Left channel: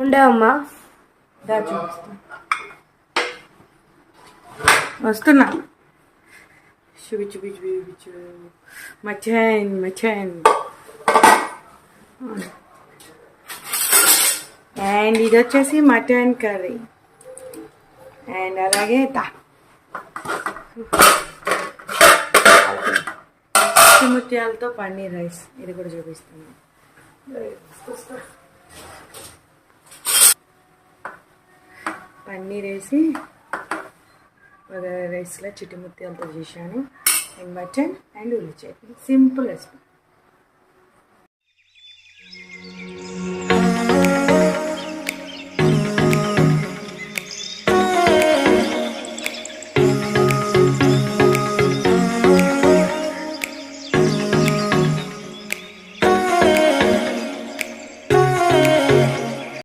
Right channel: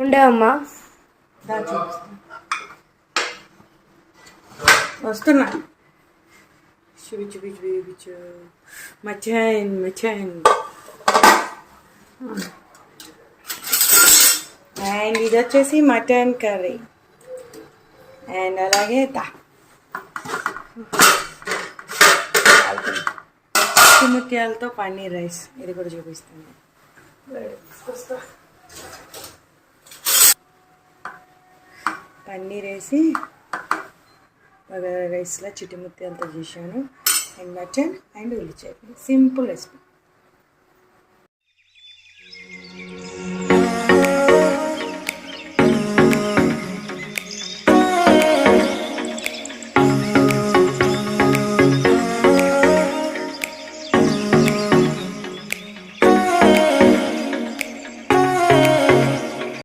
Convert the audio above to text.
ఉండమ్మా వస్తున్నా. చూపించు మచాన్. అండ్ ఇది వచ్చేసి మటన్ కర్రీ. అండ్ అలాగే ముత్యాలతో పన్నీర్ రైస్, ఇది కూడా చూపిస్తాను. పన్నీర్ వేసి బగారా రైస్లో చిట్టి ముత్యాలతో చేశాను. అండ్ మటన్ అండ్ ఉల్లి చట్నీ, సింపుల్ రెసిపీ.